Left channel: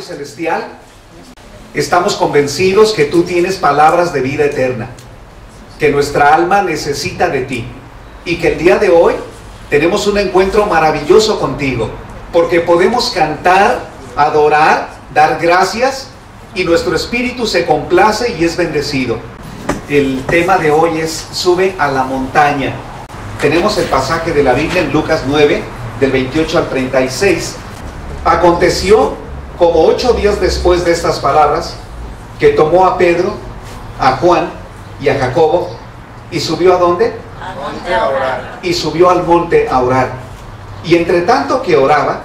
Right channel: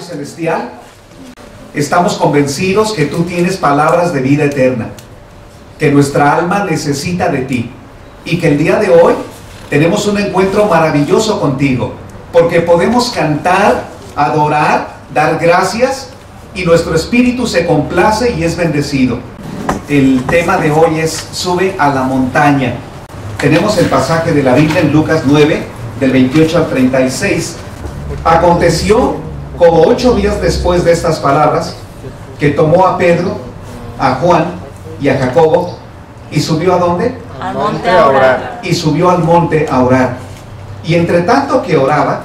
Padre Celestial, estamos convencidos que tú tienes palabras de vida eterna, que nuestra alma necesita de ti y que el día de hoy tenemos un encuentro maravilloso contigo, porque podemos cantar, adorar, dar gracias y nuestro espíritu se complace y es bendecido. El tema de hoy es sube a la montaña. Tenemos el pasaje de la Biblia en Lucas 9, del 28 al 36. Aconteció, como 8 días después de estas palabras, que tomó a Pedro, a Juan y a Jacobo, y subió ¿a dónde? Al monte a orar. Y subió al monte a orar. Y entre tanto que oraba,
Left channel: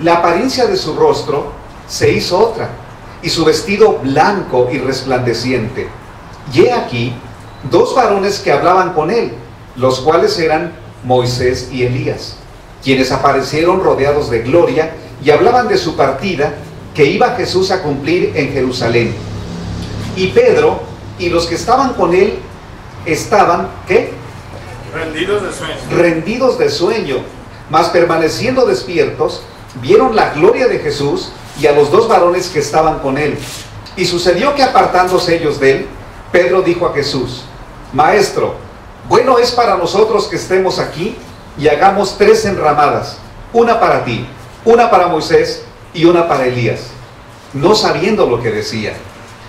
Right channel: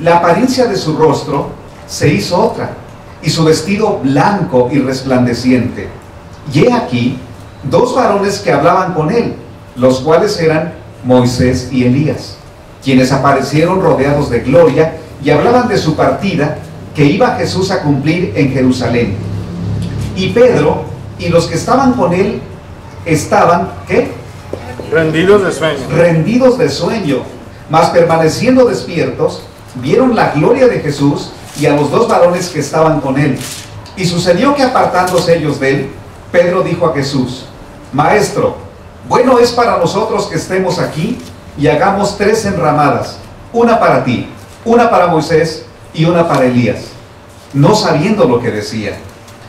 la apariencia de su rostro se hizo otra, y su vestido blanco y resplandeciente. Y he aquí, 2 varones que hablaban con él, los cuales eran Moisés y Elías, quienes aparecieron rodeados de gloria y hablaban de su partida que iba Jesús a cumplir en Jerusalén. Y Pedro y los que estaban con él estaban, ¿qué? Rendidos de sueño. Rendidos de sueño, mas permaneciendo despiertos, vieron la gloria de Jesús y a los 2 varones que estaban con él. Y sucedió que apartándose ellos de él, Pedro dijo a Jesús: Maestro, bueno es para nosotros que estemos aquí y hagamos 3 enramadas, una para ti, una para Moisés y una para Elías, no sabiendo lo que decía.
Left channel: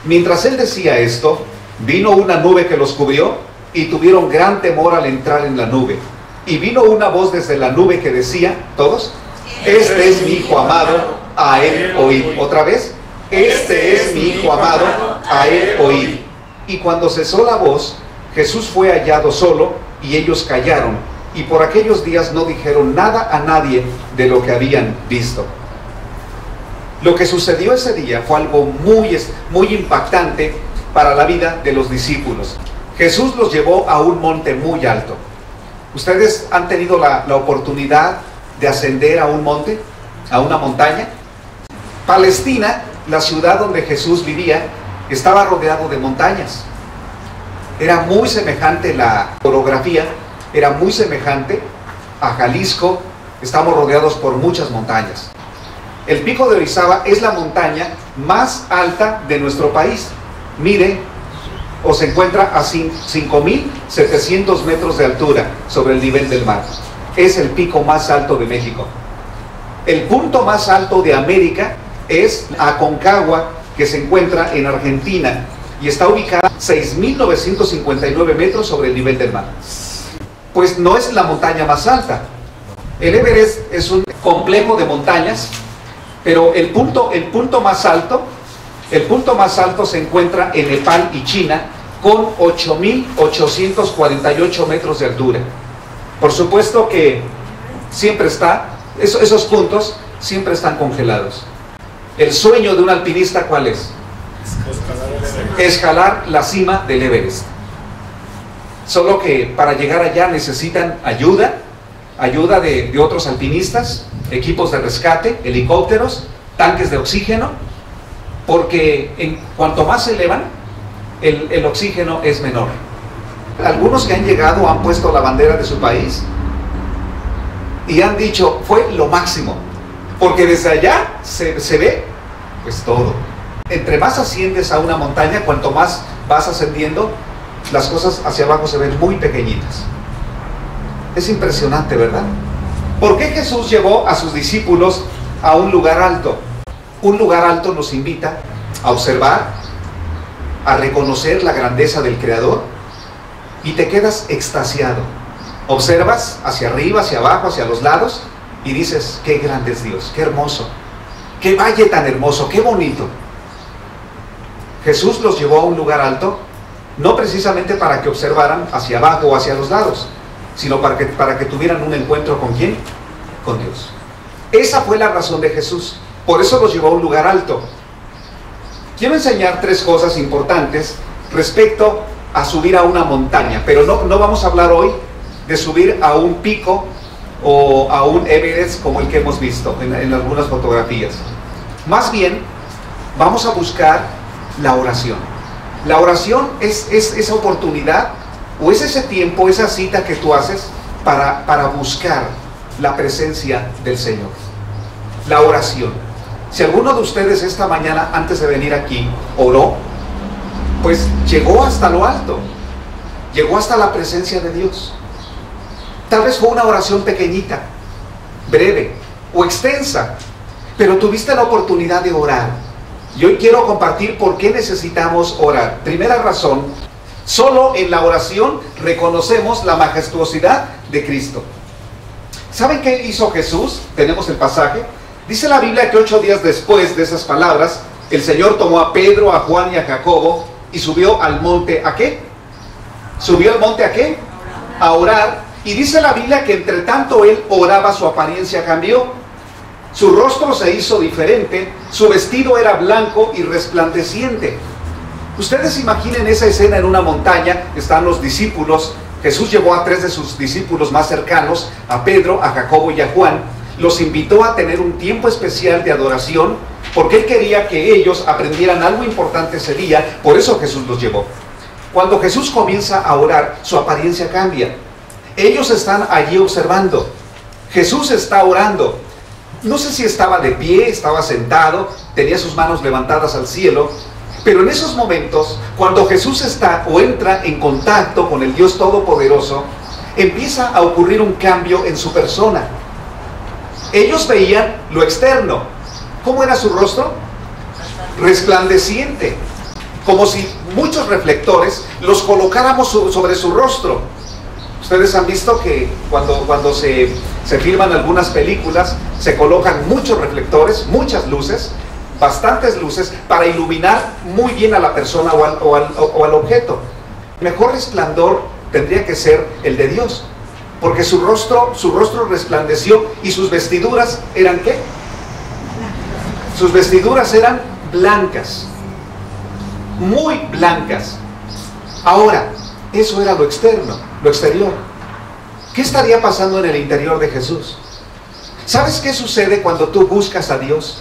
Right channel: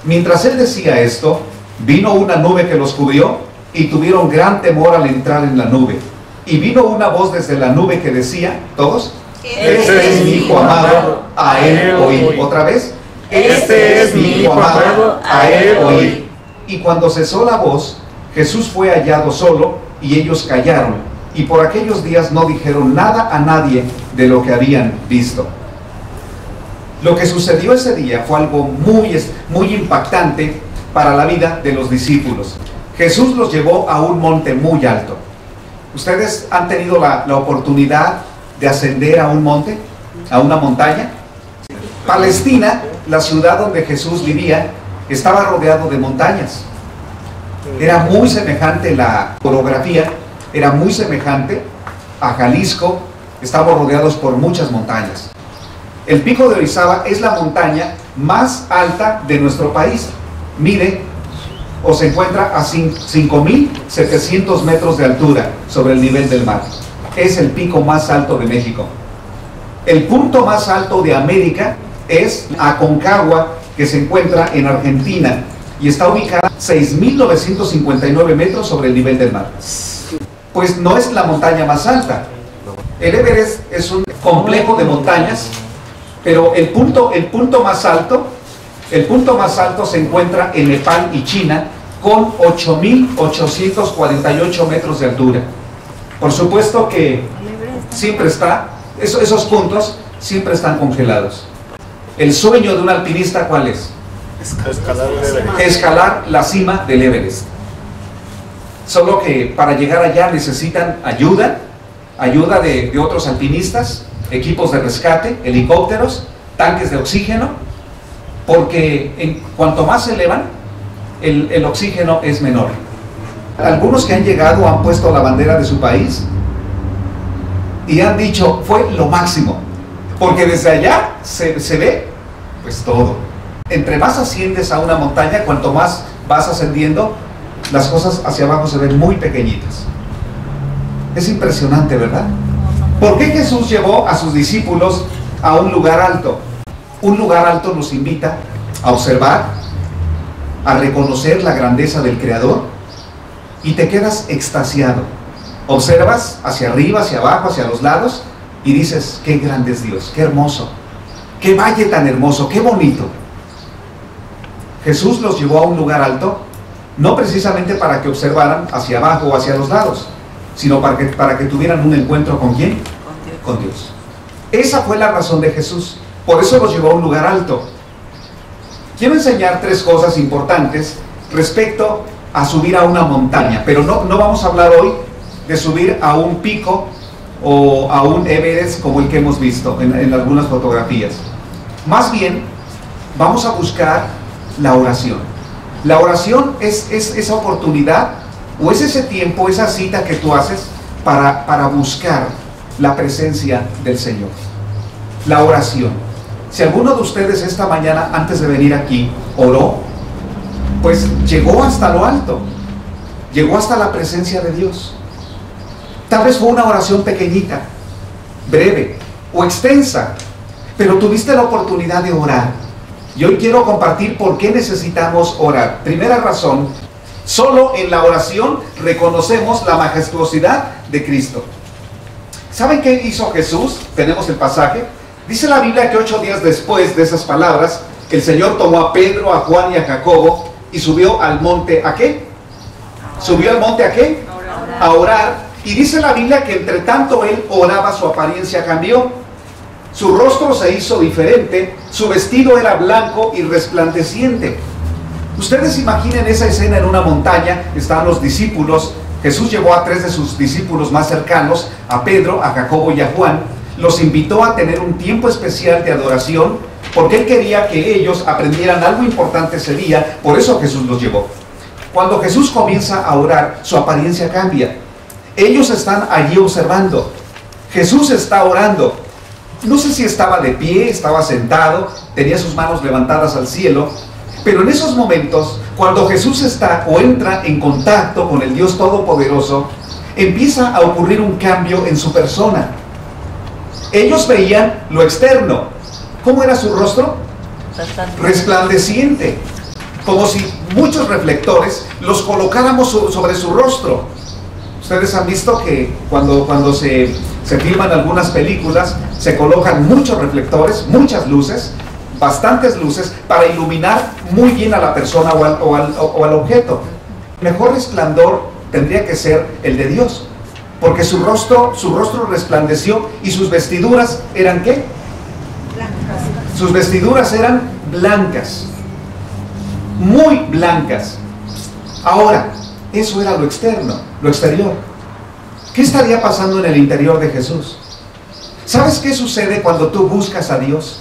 Mientras él decía esto, vino una nube que los cubrió y tuvieron gran temor al entrar en la nube. Y vino una voz desde la nube que decía, todos, este es mi Hijo amado, a él oíd. Otra vez, este es mi Hijo amado, a él oíd. Y cuando cesó la voz, Jesús fue hallado solo y ellos callaron. Y por aquellos días no dijeron nada a nadie de lo que habían visto. Lo que sucedió ese día fue algo muy impactante para la vida de los discípulos. Jesús los llevó a un monte muy alto. ¿Ustedes han tenido la oportunidad de ascender a un monte, a una montaña? Palestina, la ciudad donde Jesús vivía, estaba rodeado de montañas. Era muy semejante la orografía, era muy semejante a Jalisco. Estamos rodeados por muchas montañas. El Pico de Orizaba es la montaña más alta de nuestro país. Mide o se encuentra a 5.700 metros de altura sobre el nivel del mar. Es el pico más alto de México. El punto más alto de América es Aconcagua, que se encuentra en Argentina y está ubicada a 6.959 metros sobre el nivel del mar. Pues no es la montaña más alta. El Everest es un complejo de montañas, pero el punto más alto se encuentra en Nepal y China, con 8.848 metros de altura. Por supuesto que siempre esos puntos siempre están congelados. El sueño de un alpinista, ¿cuál es? Escalar la cima del Everest. Solo que para llegar allá necesitan ayuda de otros alpinistas, equipos de rescate, helicópteros, tanques de oxígeno, porque en cuanto más se elevan, el oxígeno es menor. Algunos que han llegado han puesto la bandera de su país y han dicho, fue lo máximo, porque desde allá se ve pues todo. Entre más asciendes a una montaña, cuanto más vas ascendiendo, las cosas hacia abajo se ven muy pequeñitas. Es impresionante, ¿verdad? ¿Por qué Jesús llevó a sus discípulos a un lugar alto? Un lugar alto nos invita a observar, a reconocer la grandeza del Creador, y te quedas extasiado. Observas hacia arriba, hacia abajo, hacia los lados, y dices, qué grande es Dios, qué hermoso, qué valle tan hermoso, qué bonito. Jesús los llevó a un lugar alto, no precisamente para que observaran hacia abajo o hacia los lados, sino para que tuvieran un encuentro ¿con quién? Con Dios. Esa fue la razón de Jesús. Por eso los llevó a un lugar alto. Quiero enseñar 3 cosas importantes respecto a subir a una montaña, pero no vamos a hablar hoy de subir a un pico o a un Everest como el que hemos visto en algunas fotografías. Más bien, vamos a buscar la oración. La oración es esa oportunidad o es ese tiempo, esa cita que tú haces para buscar la presencia del Señor. La oración. Si alguno de ustedes esta mañana, antes de venir aquí, oró, pues llegó hasta lo alto, llegó hasta la presencia de Dios. Tal vez fue una oración pequeñita, breve o extensa, pero tuviste la oportunidad de orar. Y hoy quiero compartir por qué necesitamos orar. Primera razón, solo en la oración reconocemos la majestuosidad de Cristo. ¿Saben qué hizo Jesús? Tenemos el pasaje. Dice la Biblia que 8 días después de esas palabras, el Señor tomó a Pedro, a Juan y a Jacobo y subió al monte, ¿a qué? ¿Subió al monte a qué? A orar. Y dice la Biblia que entre tanto él oraba, su apariencia cambió. Su rostro se hizo diferente, su vestido era blanco y resplandeciente. Ustedes imaginen esa escena en una montaña, están los discípulos. Jesús llevó a 3 de sus discípulos más cercanos, a Pedro, a Jacobo y a Juan. Los invitó a tener un tiempo especial de adoración, porque él quería que ellos aprendieran algo importante ese día. Por eso Jesús los llevó. Cuando Jesús comienza a orar, su apariencia cambia. Ellos están allí observando. Jesús está orando. No sé si estaba de pie, estaba sentado, tenía sus manos levantadas al cielo, pero en esos momentos, cuando Jesús está o entra en contacto con el Dios Todopoderoso, empieza a ocurrir un cambio en su persona. Ellos veían lo externo. ¿Cómo era su rostro? Resplandeciente. Como si muchos reflectores los colocáramos sobre su rostro. Ustedes han visto que cuando se filman algunas películas, se colocan muchos reflectores, muchas luces, bastantes luces, para iluminar muy bien a la persona o al objeto. El mejor resplandor tendría que ser el de Dios, porque su rostro resplandeció y sus vestiduras eran ¿qué? Sus vestiduras eran blancas, muy blancas. Ahora, eso era lo externo, lo exterior. ¿Qué estaría pasando en el interior de Jesús? ¿Sabes qué sucede cuando tú buscas a Dios?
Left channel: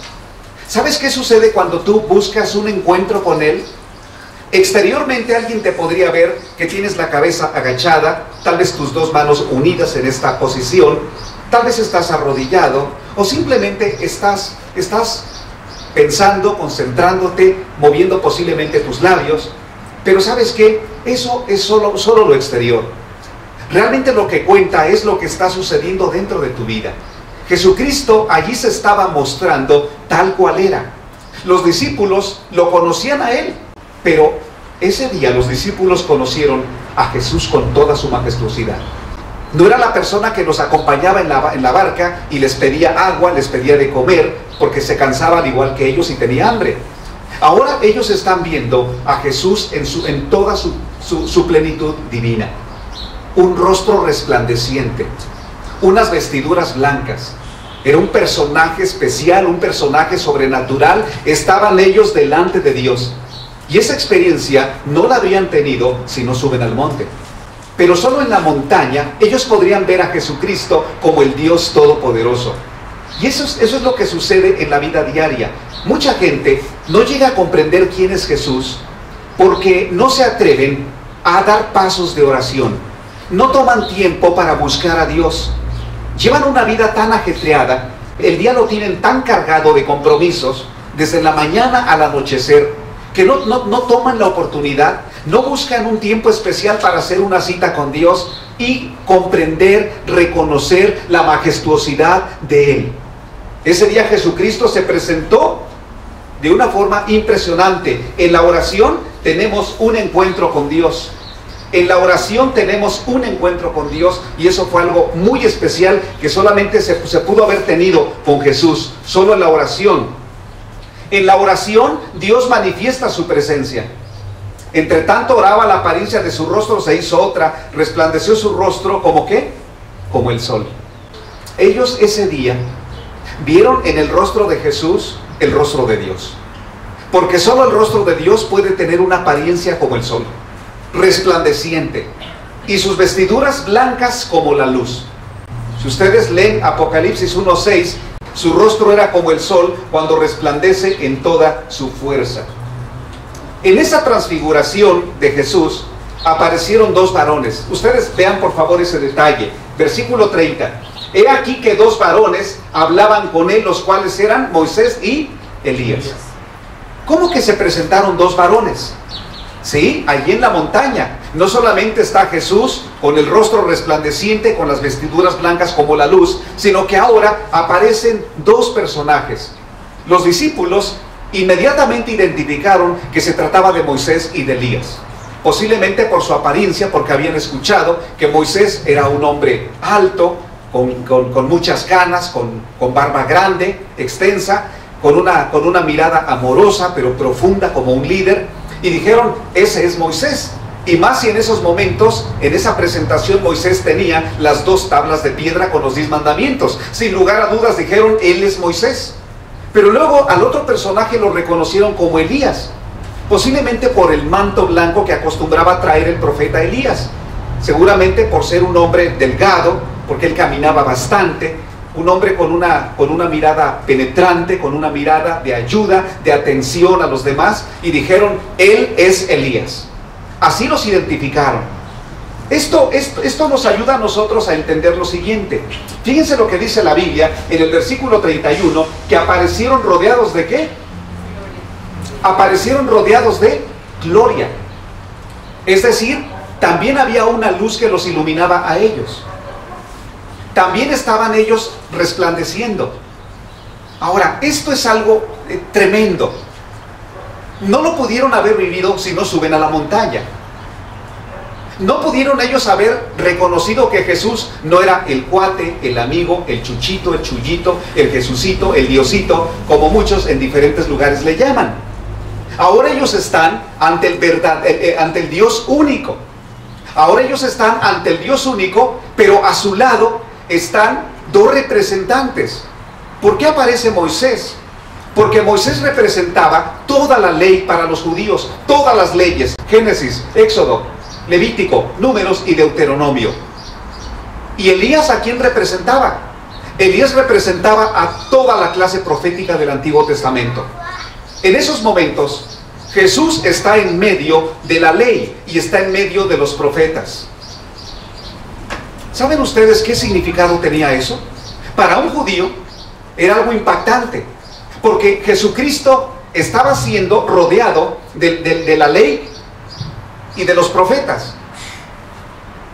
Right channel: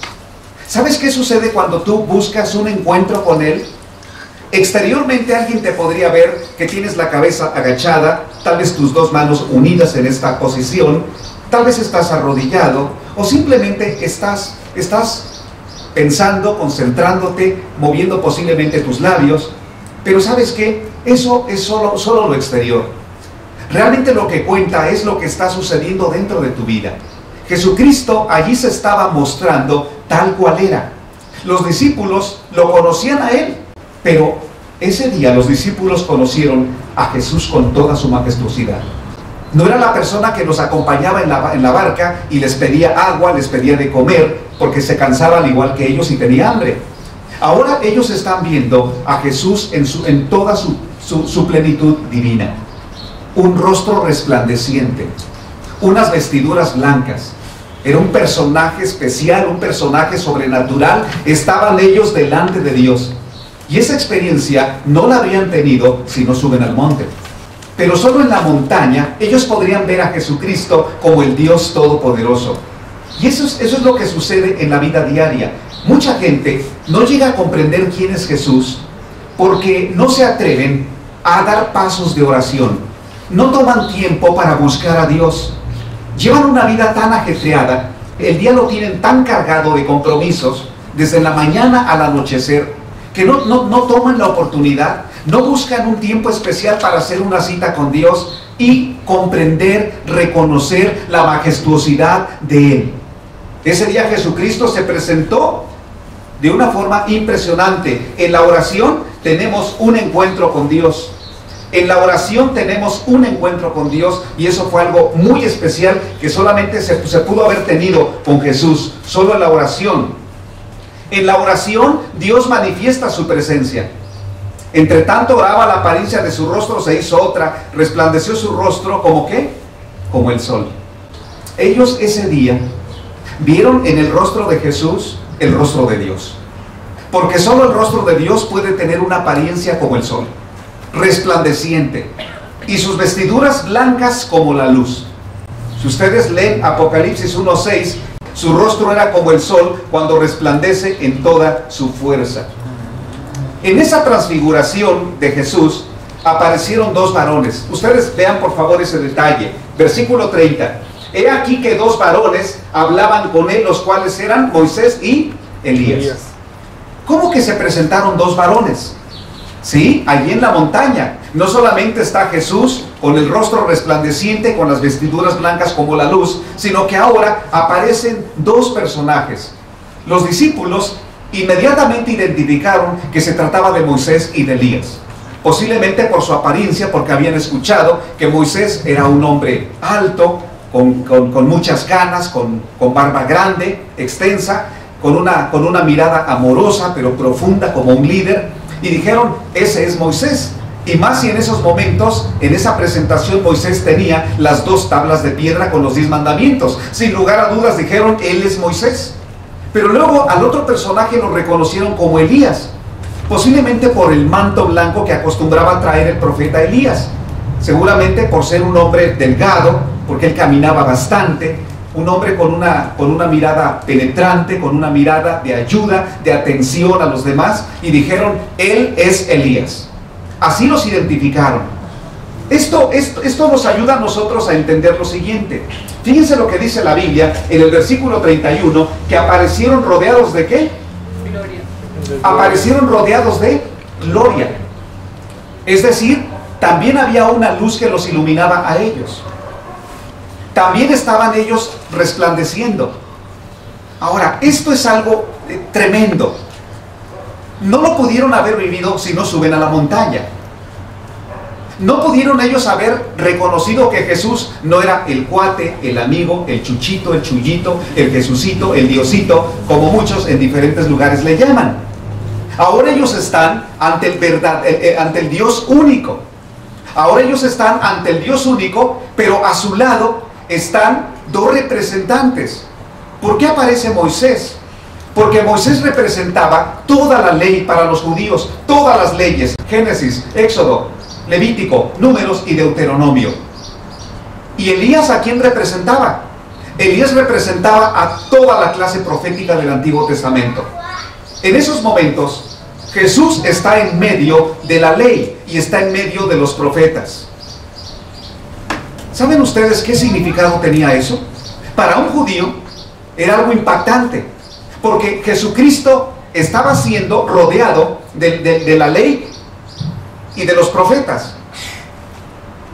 ¿Sabes qué sucede cuando tú buscas un encuentro con Él? Exteriormente alguien te podría ver que tienes la cabeza agachada, tal vez tus 2 manos unidas en esta posición, tal vez estás arrodillado o simplemente estás pensando, concentrándote, moviendo posiblemente tus labios. Pero ¿sabes qué? Eso es solo lo exterior. Realmente lo que cuenta es lo que está sucediendo dentro de tu vida. Jesucristo allí se estaba mostrando tal cual era. Los discípulos lo conocían a Él, pero ese día los discípulos conocieron a Jesús con toda su majestuosidad. No era la persona que los acompañaba en la barca y les pedía agua, les pedía de comer, porque se cansaba al igual que ellos y tenía hambre. Ahora ellos están viendo a Jesús en toda su plenitud divina. Un rostro resplandeciente, unas vestiduras blancas. Era un personaje especial, un personaje sobrenatural. Estaban ellos delante de Dios. Y esa experiencia no la habrían tenido si no suben al monte. Pero solo en la montaña ellos podrían ver a Jesucristo como el Dios Todopoderoso. Y eso es lo que sucede en la vida diaria. Mucha gente no llega a comprender quién es Jesús porque no se atreven a dar pasos de oración. No toman tiempo para buscar a Dios. Llevan una vida tan ajetreada, el día lo tienen tan cargado de compromisos, desde la mañana al anochecer, que no toman la oportunidad, no buscan un tiempo especial para hacer una cita con Dios y comprender, reconocer la majestuosidad de Él. Ese día Jesucristo se presentó de una forma impresionante. En la oración tenemos un encuentro con Dios. En la oración tenemos un encuentro con Dios, y eso fue algo muy especial que solamente se pudo haber tenido con Jesús, solo en la oración. En la oración Dios manifiesta su presencia. Entre tanto oraba, la apariencia de su rostro se hizo otra, resplandeció su rostro como ¿qué? Como el sol. Ellos ese día vieron en el rostro de Jesús el rostro de Dios, porque solo el rostro de Dios puede tener una apariencia como el sol, resplandeciente, y sus vestiduras blancas como la luz. Si ustedes leen Apocalipsis 1:6, su rostro era como el sol cuando resplandece en toda su fuerza. En esa transfiguración de Jesús aparecieron 2 varones. Ustedes vean por favor ese detalle. Versículo 30. He aquí que 2 varones hablaban con él, los cuales eran Moisés y Elías. ¿Cómo que se presentaron dos varones? Sí, allí en la montaña. No solamente está Jesús con el rostro resplandeciente, con las vestiduras blancas como la luz, sino que ahora aparecen dos personajes. Los discípulos inmediatamente identificaron que se trataba de Moisés y de Elías. Posiblemente por su apariencia, porque habían escuchado que Moisés era un hombre alto, con muchas canas, con barba grande, extensa, con una mirada amorosa pero profunda como un líder, y dijeron, ese es Moisés. Y más si en esos momentos, en esa presentación, Moisés tenía las 2 tablas de piedra con los 10 mandamientos. Sin lugar a dudas dijeron, él es Moisés. Pero luego al otro personaje lo reconocieron como Elías, posiblemente por el manto blanco que acostumbraba traer el profeta Elías, seguramente por ser un hombre delgado, porque él caminaba bastante, un hombre con una mirada penetrante, con una mirada de ayuda, de atención a los demás, y dijeron, él es Elías. Así los identificaron. Esto nos ayuda a nosotros a entender lo siguiente. Fíjense lo que dice la Biblia en el versículo 31, que aparecieron rodeados ¿de qué? Gloria. Aparecieron rodeados de gloria. Es decir, también había una luz que los iluminaba a ellos. También estaban ellos resplandeciendo. Ahora, esto es algo tremendo. No lo pudieron haber vivido si no suben a la montaña. No pudieron ellos haber reconocido que Jesús no era el cuate, el amigo, el chuchito, el chullito, el Jesucito, el Diosito, como muchos en diferentes lugares le llaman. Ahora ellos están ante el Dios único. Ahora ellos están ante el Dios único, pero a su lado están 2 representantes. ¿Por qué aparece Moisés? Porque Moisés representaba toda la ley para los judíos, todas las leyes, Génesis, Éxodo, Levítico, Números y Deuteronomio. ¿Y Elías a quién representaba? Elías representaba a toda la clase profética del Antiguo Testamento. En esos momentos, Jesús está en medio de la ley y está en medio de los profetas. ¿Saben ustedes qué significado tenía eso? Para un judío era algo impactante, porque Jesucristo estaba siendo rodeado de la ley y de los profetas.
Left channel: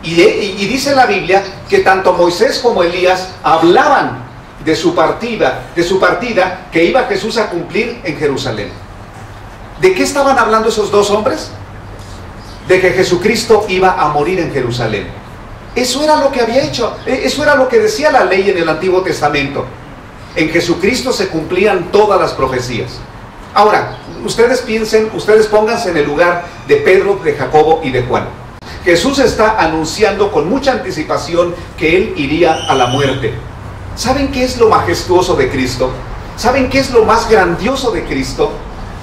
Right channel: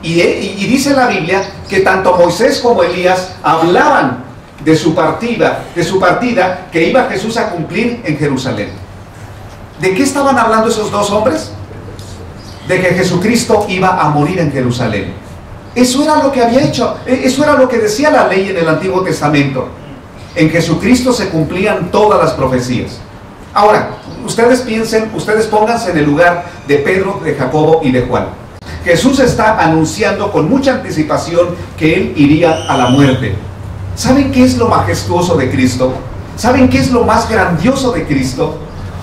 Y dice la Biblia que tanto Moisés como Elías hablaban de su partida que iba Jesús a cumplir en Jerusalén. ¿De qué estaban hablando esos 2 hombres? De que Jesucristo iba a morir en Jerusalén. Eso era lo que había hecho, eso era lo que decía la ley en el Antiguo Testamento. En Jesucristo se cumplían todas las profecías. Ahora, ustedes piensen, ustedes pónganse en el lugar de Pedro, de Jacobo y de Juan. Jesús está anunciando con mucha anticipación que Él iría a la muerte. ¿Saben qué es lo majestuoso de Cristo? ¿Saben qué es lo más grandioso de Cristo?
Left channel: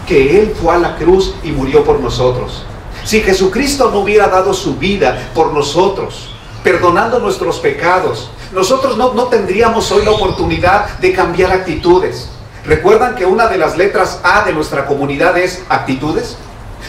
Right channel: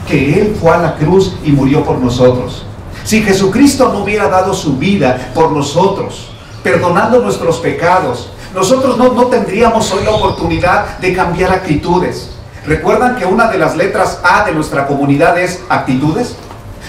Que Él fue a la cruz y murió por nosotros. Si Jesucristo no hubiera dado su vida por nosotros, perdonando nuestros pecados, nosotros no tendríamos hoy la oportunidad de cambiar actitudes. ¿Recuerdan que una de las letras A de nuestra comunidad es actitudes?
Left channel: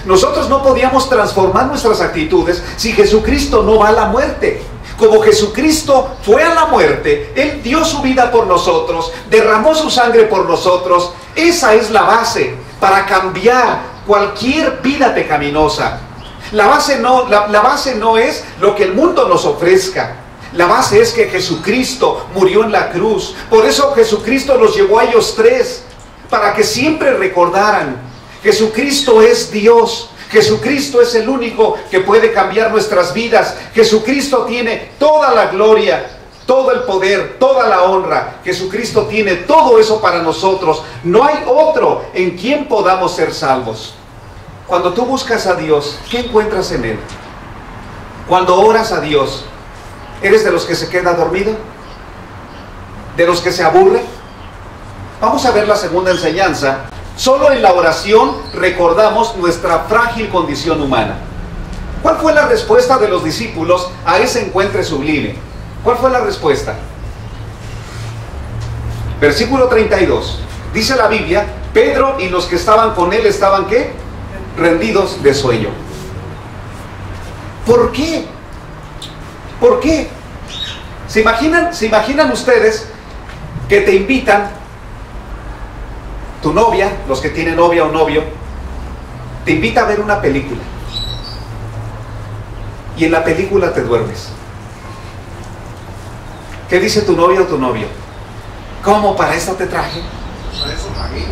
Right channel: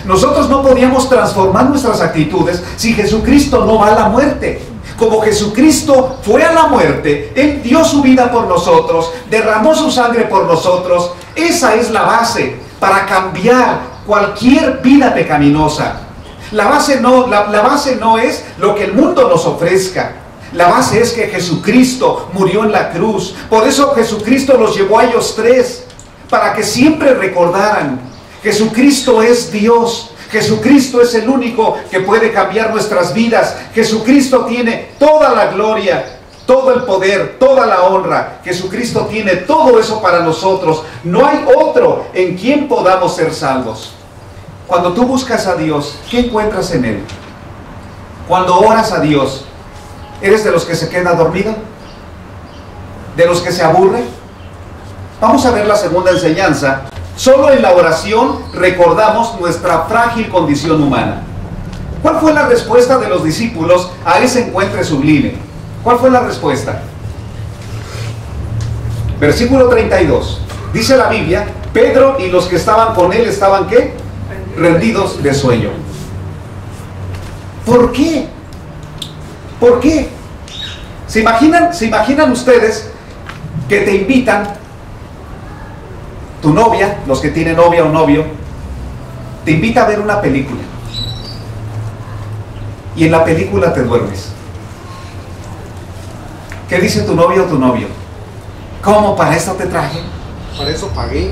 Nosotros no podíamos transformar nuestras actitudes si Jesucristo no va a la muerte. Como Jesucristo fue a la muerte, Él dio su vida por nosotros, derramó su sangre por nosotros. Esa es la base para cambiar cualquier vida pecaminosa. La base no es lo que el mundo nos ofrezca. La base es que Jesucristo murió en la cruz. Por eso Jesucristo los llevó a ellos 3, para que siempre recordaran: Jesucristo es Dios. Jesucristo es el único que puede cambiar nuestras vidas. Jesucristo tiene toda la gloria, todo el poder, toda la honra. Jesucristo tiene todo eso para nosotros. No hay otro en quien podamos ser salvos. Cuando tú buscas a Dios, ¿qué encuentras en Él? Cuando oras a Dios, ¿eres de los que se queda dormido? ¿De los que se aburre? Vamos a ver la segunda enseñanza. Solo en la oración recordamos nuestra frágil condición humana. ¿Cuál fue la respuesta de los discípulos a ese encuentro sublime? ¿Cuál fue la respuesta? Versículo 32. Dice la Biblia, Pedro y los que estaban con él estaban ¿qué? Rendidos de sueño. ¿Por qué? ¿Por qué? ¿Se imaginan ustedes que te invitan tu novia, los que tienen novia o novio, te invita a ver una película. Y en la película te duermes. ¿Qué dice tu novia o tu novio? ¿Cómo? ¿Para esto te traje? Para eso pagué.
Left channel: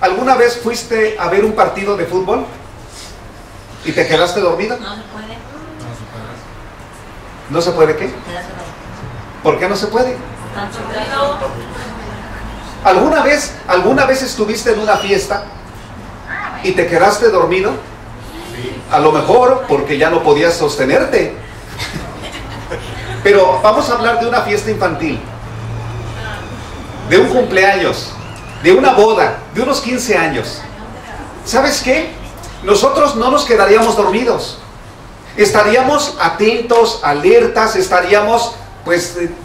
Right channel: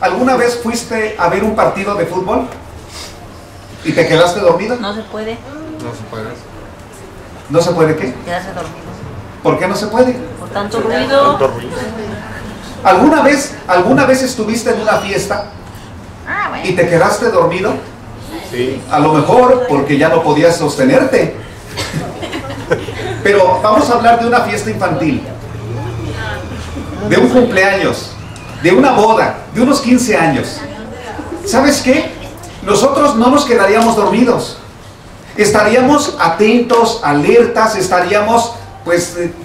¿Alguna vez fuiste a ver un partido de fútbol y te quedaste dormido? No se puede. No se puede. ¿No se puede qué? Quedarse dormido. ¿Por qué no se puede? Por tanto ruido. ¿Alguna vez estuviste en una fiesta y te quedaste dormido? Sí. A lo mejor porque ya no podías sostenerte. Pero vamos a hablar de una fiesta infantil, de un cumpleaños, de una boda, de unos 15 años. ¿Sabes qué? Nosotros no nos quedaríamos dormidos. Estaríamos atentos, alertas, estaríamos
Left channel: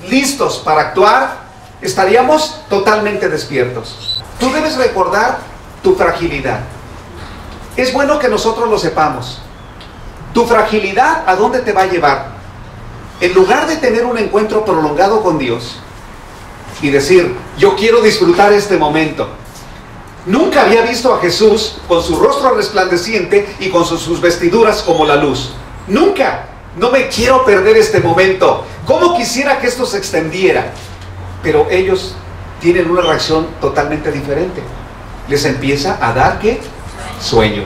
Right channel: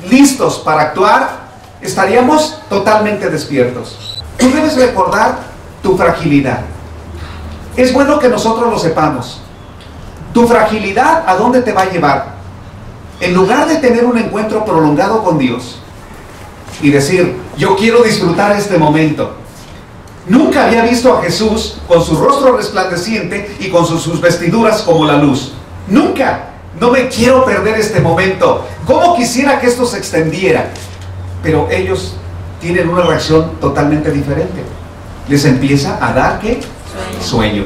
listos para actuar, estaríamos totalmente despiertos. Tú debes recordar tu fragilidad. Es bueno que nosotros lo sepamos. Tu fragilidad, ¿a dónde te va a llevar? En lugar de tener un encuentro prolongado con Dios y decir, yo quiero disfrutar este momento. Nunca había visto a Jesús con su rostro resplandeciente y con sus vestiduras como la luz. Nunca. No me quiero perder este momento. ¿Cómo quisiera que esto se extendiera? Pero ellos tienen una reacción totalmente diferente. Les empieza a dar, ¿qué? Sueño.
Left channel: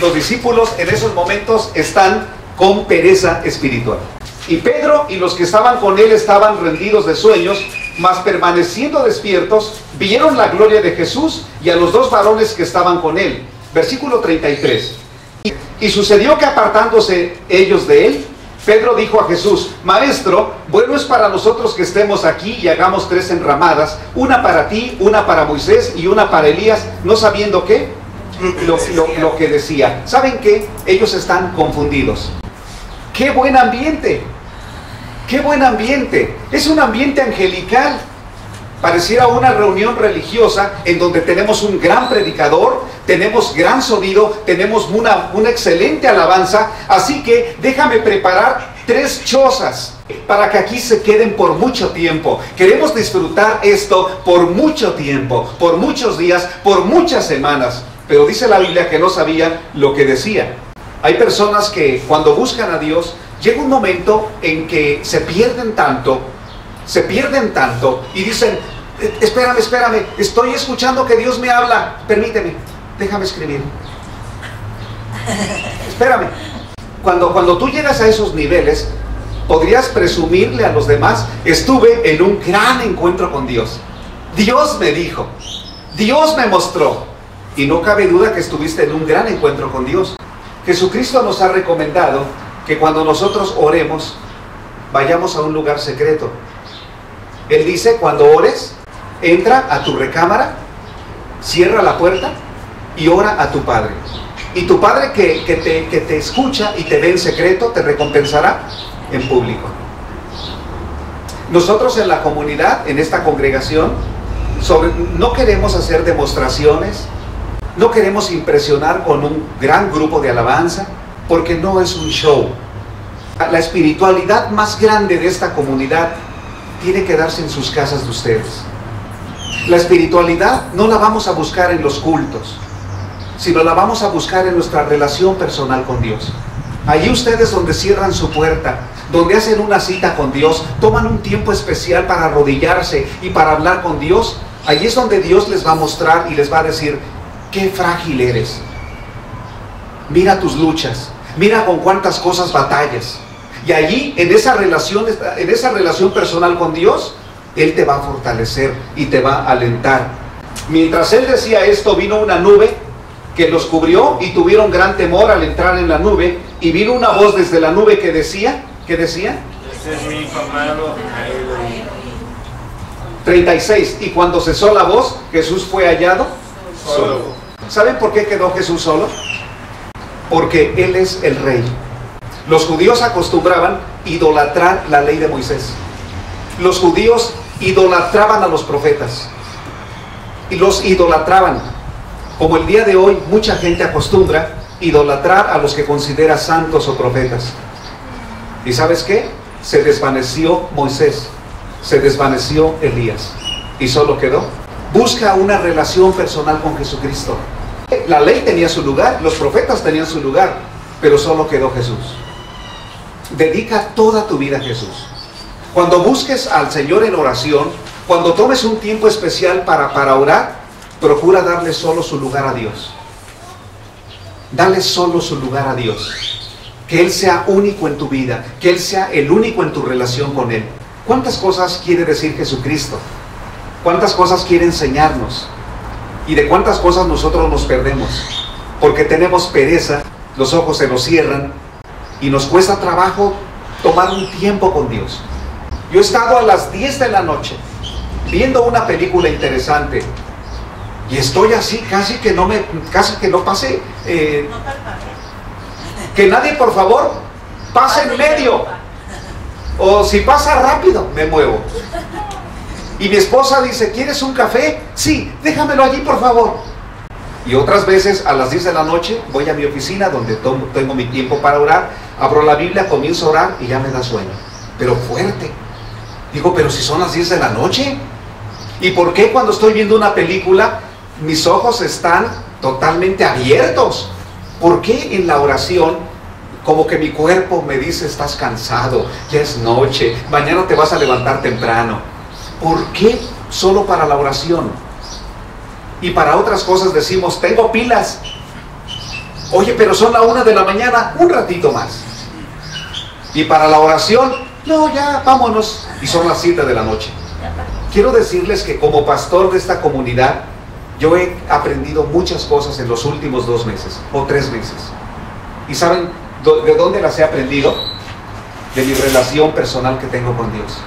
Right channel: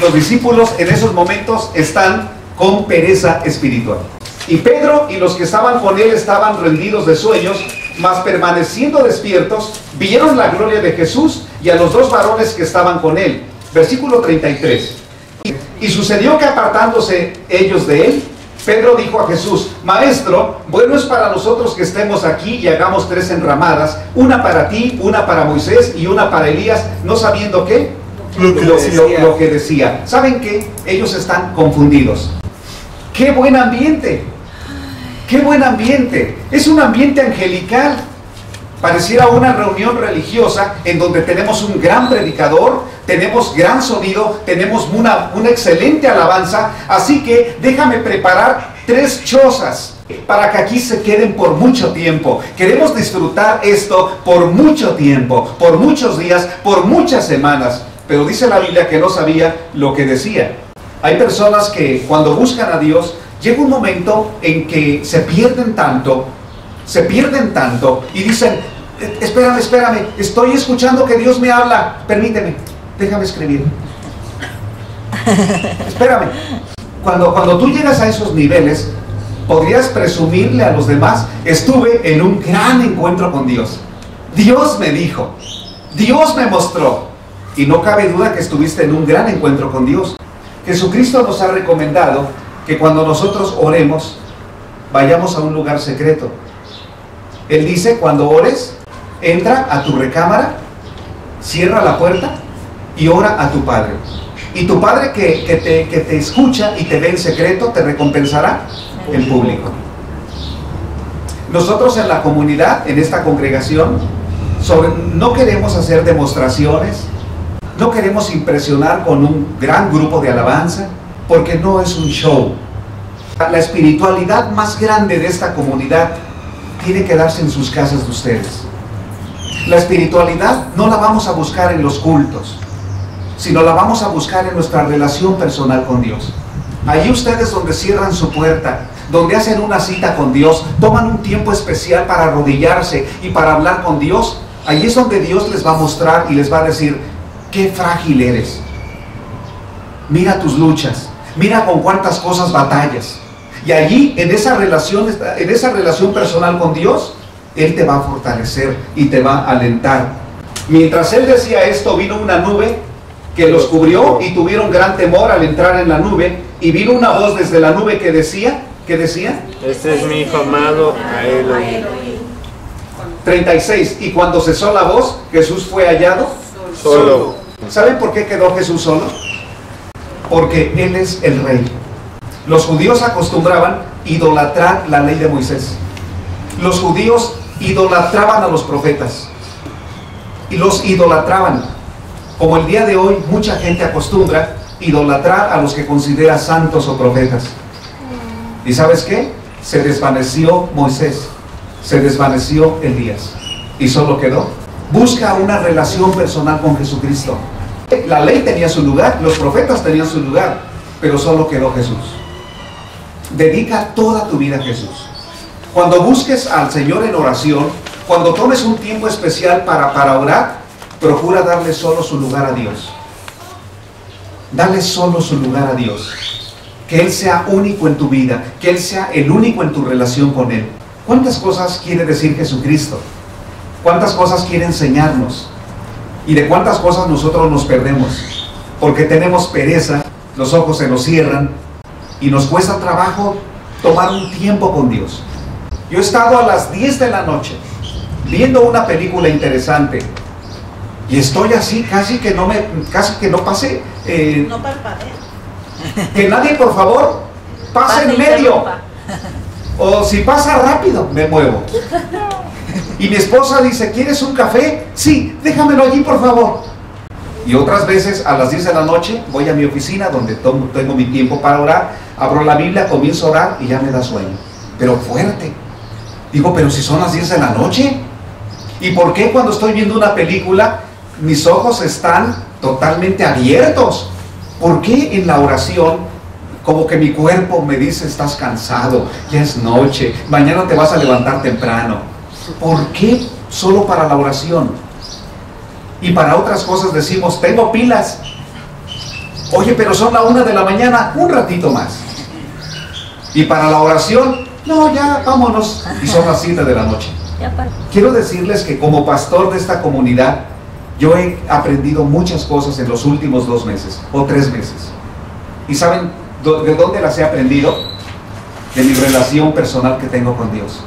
Los discípulos en esos momentos están con pereza espiritual. Y Pedro y los que estaban con él estaban rendidos de sueños, mas permaneciendo despiertos, vieron la gloria de Jesús y a los dos varones que estaban con él. Versículo 33. Y sucedió que apartándose ellos de él, Pedro dijo a Jesús, Maestro, bueno es para nosotros que estemos aquí y hagamos 3 enramadas, una para ti, una para Moisés y una para Elías, no sabiendo qué, lo que decía. ¿Saben qué? Ellos están confundidos. ¡Qué buen ambiente! ¡Qué buen ambiente! Es un ambiente angelical. Pareciera una reunión religiosa en donde tenemos un gran predicador, tenemos gran sonido, tenemos una excelente alabanza. Así que déjame preparar 3 chozas para que aquí se queden por mucho tiempo. Queremos disfrutar esto por mucho tiempo, por muchos días, por muchas semanas. Pero dice la Biblia que no sabía lo que decía. Hay personas que cuando buscan a Dios, llega un momento en que se pierden tanto y dicen, espérame, estoy escuchando que Dios me habla, permíteme, déjame escribir. Espérame. Cuando tú llegas a esos niveles, podrías presumirle a los demás, estuve en un gran encuentro con Dios. Dios me dijo, Dios me mostró. Y no cabe duda que estuviste en un gran encuentro con Dios. Jesucristo nos ha recomendado que cuando nosotros oremos, vayamos a un lugar secreto. Él dice, cuando ores, entra a tu recámara, cierra la puerta y ora a tu Padre. Y tu Padre que te escucha y te ve en secreto, te recompensará en público. Nosotros en la comunidad, en esta congregación, no queremos hacer demostraciones, no queremos impresionar con un gran grupo de alabanza, porque no es un show. La espiritualidad más grande de esta comunidad tiene que darse en sus casas de ustedes. La espiritualidad no la vamos a buscar en los cultos, sino la vamos a buscar en nuestra relación personal con Dios. Allí ustedes donde cierran su puerta, donde hacen una cita con Dios, toman un tiempo especial para arrodillarse y para hablar con Dios, allí es donde Dios les va a mostrar y les va a decir, qué frágil eres. Mira tus luchas, mira con cuántas cosas batallas. Y allí, en esa relación personal con Dios, Él te va a fortalecer y te va a alentar. Mientras Él decía esto, vino una nube que los cubrió y tuvieron gran temor al entrar en la nube. Y vino una voz desde la nube que decía, ¿qué decía? Este es mi hijo amado, a él oí. 36. Y cuando cesó la voz, Jesús fue hallado Solo. ¿Saben por qué quedó Jesús solo? Porque Él es el Rey. Los judíos acostumbraban idolatrar la ley de Moisés. Los judíos idolatraban a los profetas. Y los idolatraban. Como el día de hoy mucha gente acostumbra idolatrar a los que considera santos o profetas. ¿Y sabes qué? Se desvaneció Moisés. Se desvaneció Elías y solo quedó. Busca una relación personal con Jesucristo. La ley tenía su lugar, los profetas tenían su lugar, pero solo quedó Jesús. Dedica toda tu vida a Jesús. Cuando busques al Señor en oración, cuando tomes un tiempo especial para orar, procura darle solo su lugar a Dios. Dale solo su lugar a Dios. Que Él sea único en tu vida, que Él sea el único en tu relación con Él. ¿Cuántas cosas quiere decir Jesucristo? ¿Cuántas cosas quiere enseñarnos? Y de cuántas cosas nosotros nos perdemos. Porque tenemos pereza, los ojos se nos cierran y nos cuesta trabajo tomar un tiempo con Dios. Yo he estado a las 10 de la noche viendo una película interesante y estoy así, casi que no pase. No parpadea. Que nadie, por favor, pase en medio. O si pasa rápido, me muevo. Y mi esposa dice, ¿quieres un café? Sí, déjamelo allí, por favor. Y otras veces a las 10 de la noche voy a mi oficina donde tengo mi tiempo para orar, abro la Biblia, comienzo a orar y ya me da sueño. Pero fuerte. Digo, pero si son las 10 de la noche. ¿Y por qué cuando estoy viendo una película mis ojos están totalmente abiertos? ¿Por qué en la oración como que mi cuerpo me dice, estás cansado, ya es noche, mañana te vas a levantar temprano? ¿Por qué solo para la oración? Y para otras cosas decimos, tengo pilas. Oye, pero son la 1 de la mañana, un ratito más. Y para la oración, no, ya vámonos. Y son las 7 de la noche. Quiero decirles que como pastor de esta comunidad, yo he aprendido muchas cosas en los últimos 2 meses o 3 meses. ¿Y saben de dónde las he aprendido? De mi relación personal que tengo con Dios.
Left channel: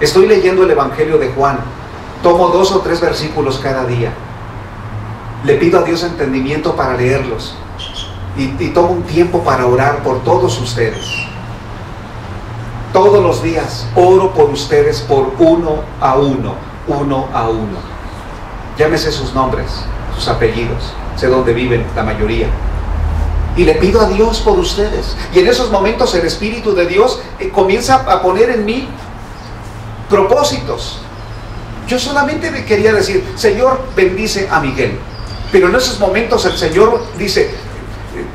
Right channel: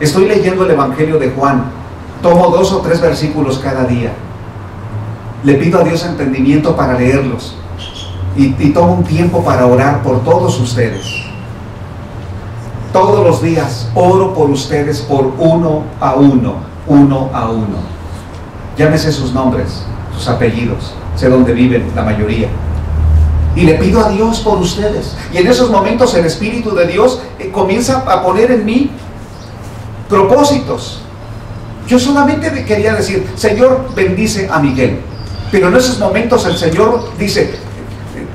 Estoy leyendo el Evangelio de Juan. Tomo 2 o 3 versículos cada día. Le pido a Dios entendimiento para leerlos. Y tomo un tiempo para orar por todos ustedes. Todos los días oro por ustedes, por uno a uno. Llámese sus nombres, sus apellidos. Sé dónde viven la mayoría. Y le pido a Dios por ustedes. Y en esos momentos el Espíritu de Dios comienza a poner en mí propósitos. Yo solamente le quería decir, Señor, bendice a Miguel. Pero en esos momentos el Señor dice,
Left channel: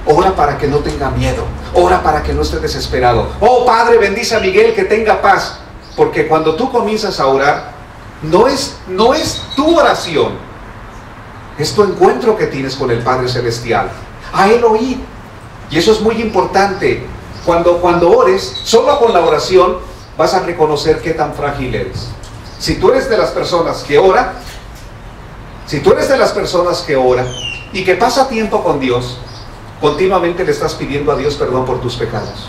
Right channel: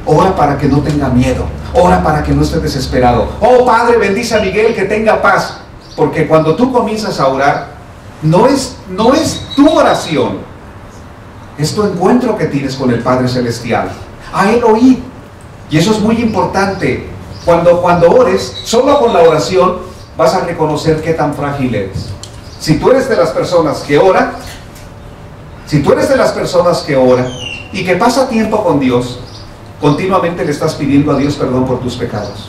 ora para que no tenga miedo, ora para que no esté desesperado. Oh Padre, bendice a Miguel, que tenga paz. Porque cuando tú comienzas a orar, no es tu oración, es tu encuentro que tienes con el Padre Celestial. A Él oíd. Y eso es muy importante. Cuando ores, solo con la oración vas a reconocer qué tan frágil eres. Si tú eres de las personas que ora, y que pasa tiempo con Dios, continuamente le estás pidiendo a Dios perdón por tus pecados.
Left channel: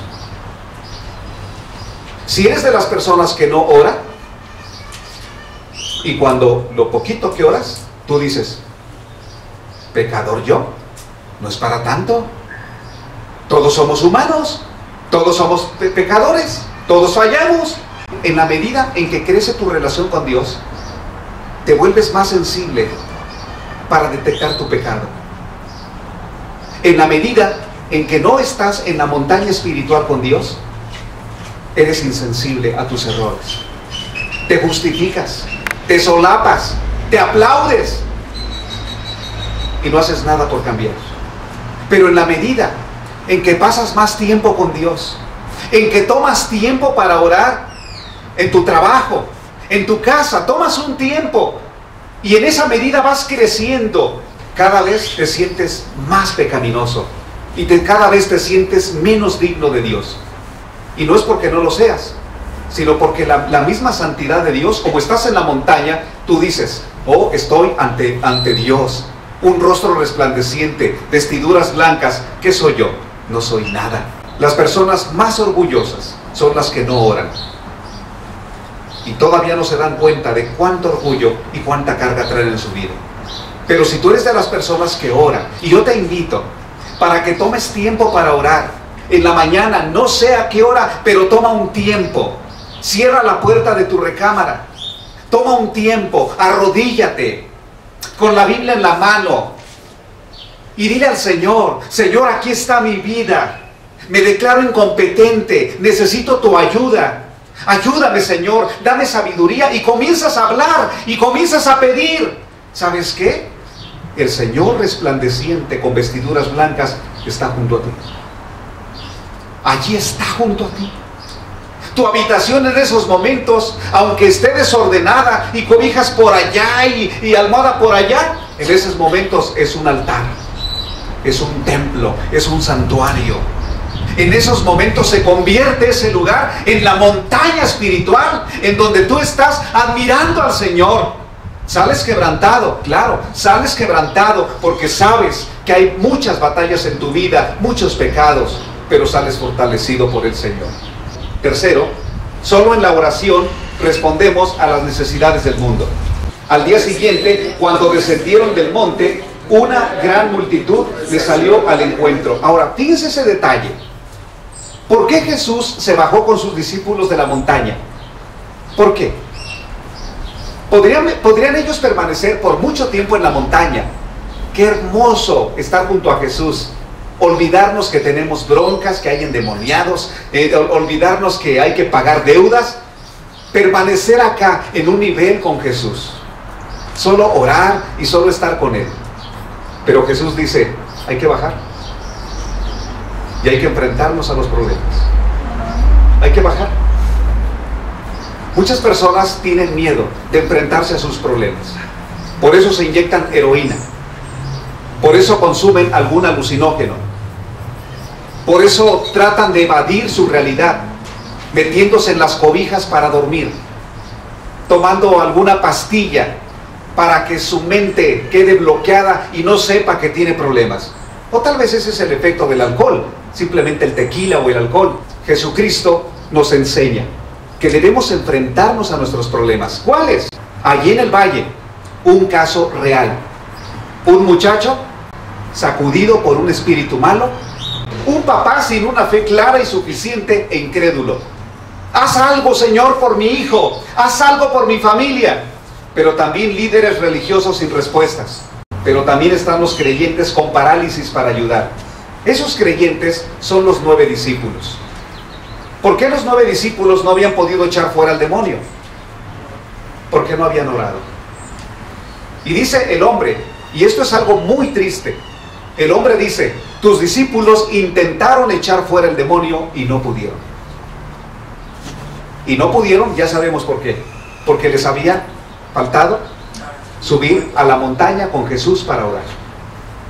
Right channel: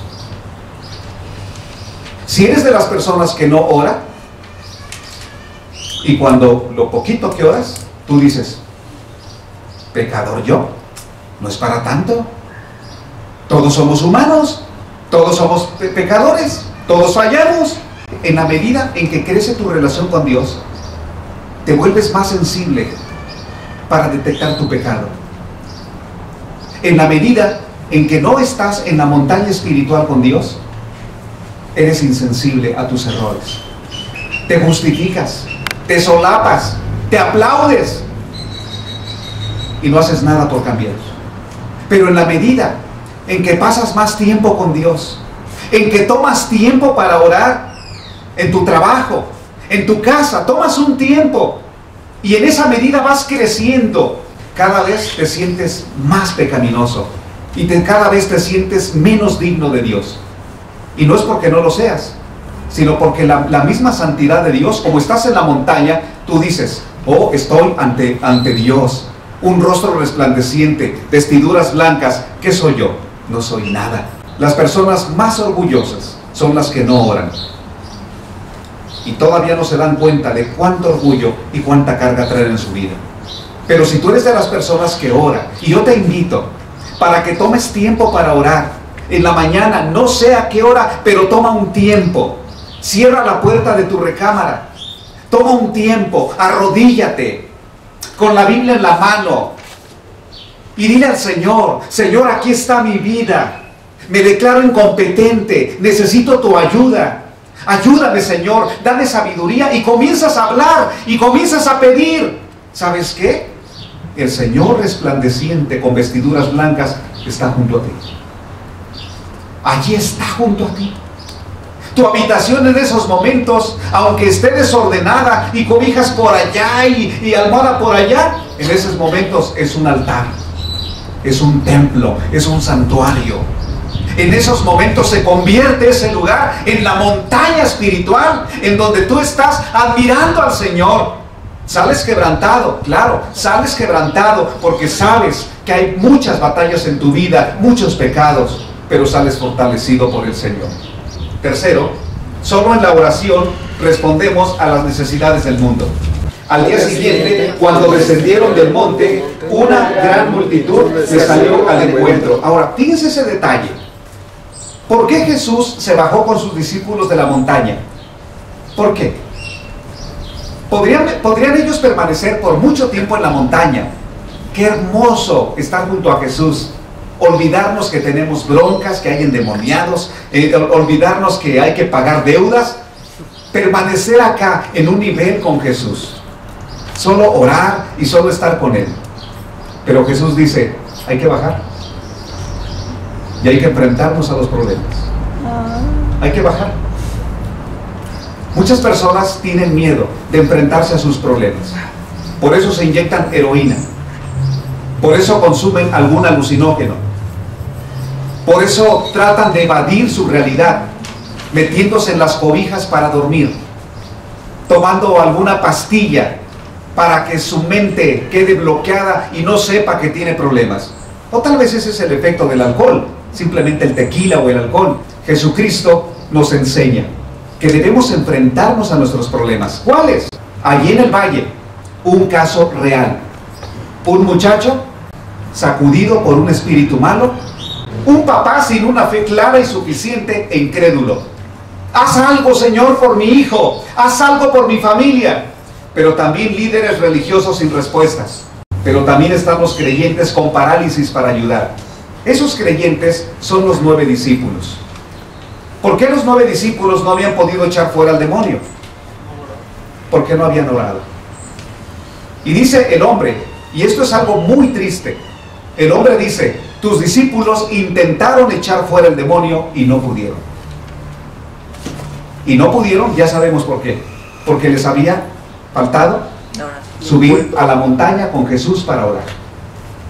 Si eres de las personas que no ora, y cuando lo poquito que oras, tú dices, pecador yo, no es para tanto. Todos somos humanos, todos somos pecadores, todos fallamos. En la medida en que crece tu relación con Dios, te vuelves más sensible para detectar tu pecado. En la medida en que no estás en la montaña espiritual con Dios, eres insensible a tus errores. Te justificas, te solapas, te aplaudes y no haces nada por cambiar. Pero en la medida en que pasas más tiempo con Dios, en que tomas tiempo para orar, en tu trabajo, en tu casa, tomas un tiempo y en esa medida vas creciendo, cada vez te sientes más pecaminoso y cada vez te sientes menos digno de Dios. Y no es porque no lo seas, sino porque la misma santidad de Dios, como estás en la montaña, tú dices, oh, estoy ante Dios, un rostro resplandeciente, vestiduras blancas. ¿Qué soy yo? No soy nada. Las personas más orgullosas son las que no oran. Y todavía no se dan cuenta de cuánto orgullo y cuánta carga traen en su vida. Pero si tú eres de las personas que ora, y yo te invito para que tomes tiempo para orar, en la mañana, no sé a qué hora, pero toma un tiempo. Cierra la puerta de tu recámara. Toma un tiempo, arrodíllate, con la Biblia en la mano, y dile al Señor, Señor, aquí está mi vida. Me declaro incompetente, necesito tu ayuda. Ayúdame, Señor, dame sabiduría, y comienzas a hablar y comienzas a pedir. ¿Sabes qué? El Señor resplandeciente con vestiduras blancas está junto a ti. Allí está junto a ti. Tu habitación en esos momentos, aunque esté desordenada y cobijas por allá y almohada por allá, en esos momentos es un altar, es un templo, es un santuario. En esos momentos se convierte ese lugar en la montaña espiritual, en donde tú estás admirando al Señor. Sales quebrantado, claro, sales quebrantado porque sabes que hay muchas batallas en tu vida, muchos pecados, pero sales fortalecido por el Señor. Tercero, solo en la oración respondemos a las necesidades del mundo. Al día siguiente, cuando descendieron del monte, una gran multitud les salió al encuentro. Ahora, fíjense ese detalle. ¿Por qué Jesús se bajó con sus discípulos de la montaña? ¿Por qué? ¿Podrían ellos permanecer por mucho tiempo en la montaña? Qué hermoso estar junto a Jesús. Olvidarnos que tenemos broncas, que hay endemoniados, olvidarnos que hay que pagar deudas. Permanecer acá en un nivel con Jesús. Solo orar y solo estar con Él. Pero Jesús dice, hay que bajar. Y hay que enfrentarnos a los problemas. Hay que bajar. Muchas personas tienen miedo de enfrentarse a sus problemas. Por eso se inyectan heroína. Por eso consumen algún alucinógeno. Por eso tratan de evadir su realidad, metiéndose en las cobijas para dormir, tomando alguna pastilla para que su mente quede bloqueada y no sepa que tiene problemas. O tal vez ese es el efecto del alcohol, simplemente el tequila o el alcohol. Jesucristo nos enseña que debemos enfrentarnos a nuestros problemas. ¿Cuáles? Allí en el valle, un caso real. Un muchacho sacudido por un espíritu malo, un papá sin una fe clara y suficiente e incrédulo. Haz algo, Señor, por mi hijo, haz algo por mi familia. Pero también líderes religiosos sin respuestas. Pero también están los creyentes con parálisis para ayudar. Esos creyentes son los 9 discípulos. ¿Por qué los 9 discípulos no habían podido echar fuera al demonio? Porque no habían orado. Y dice el hombre, y esto es algo muy triste, el hombre dice, tus discípulos intentaron echar fuera el demonio y no pudieron. Y no pudieron, ya sabemos por qué. Porque les había faltado subir a la montaña con Jesús para orar.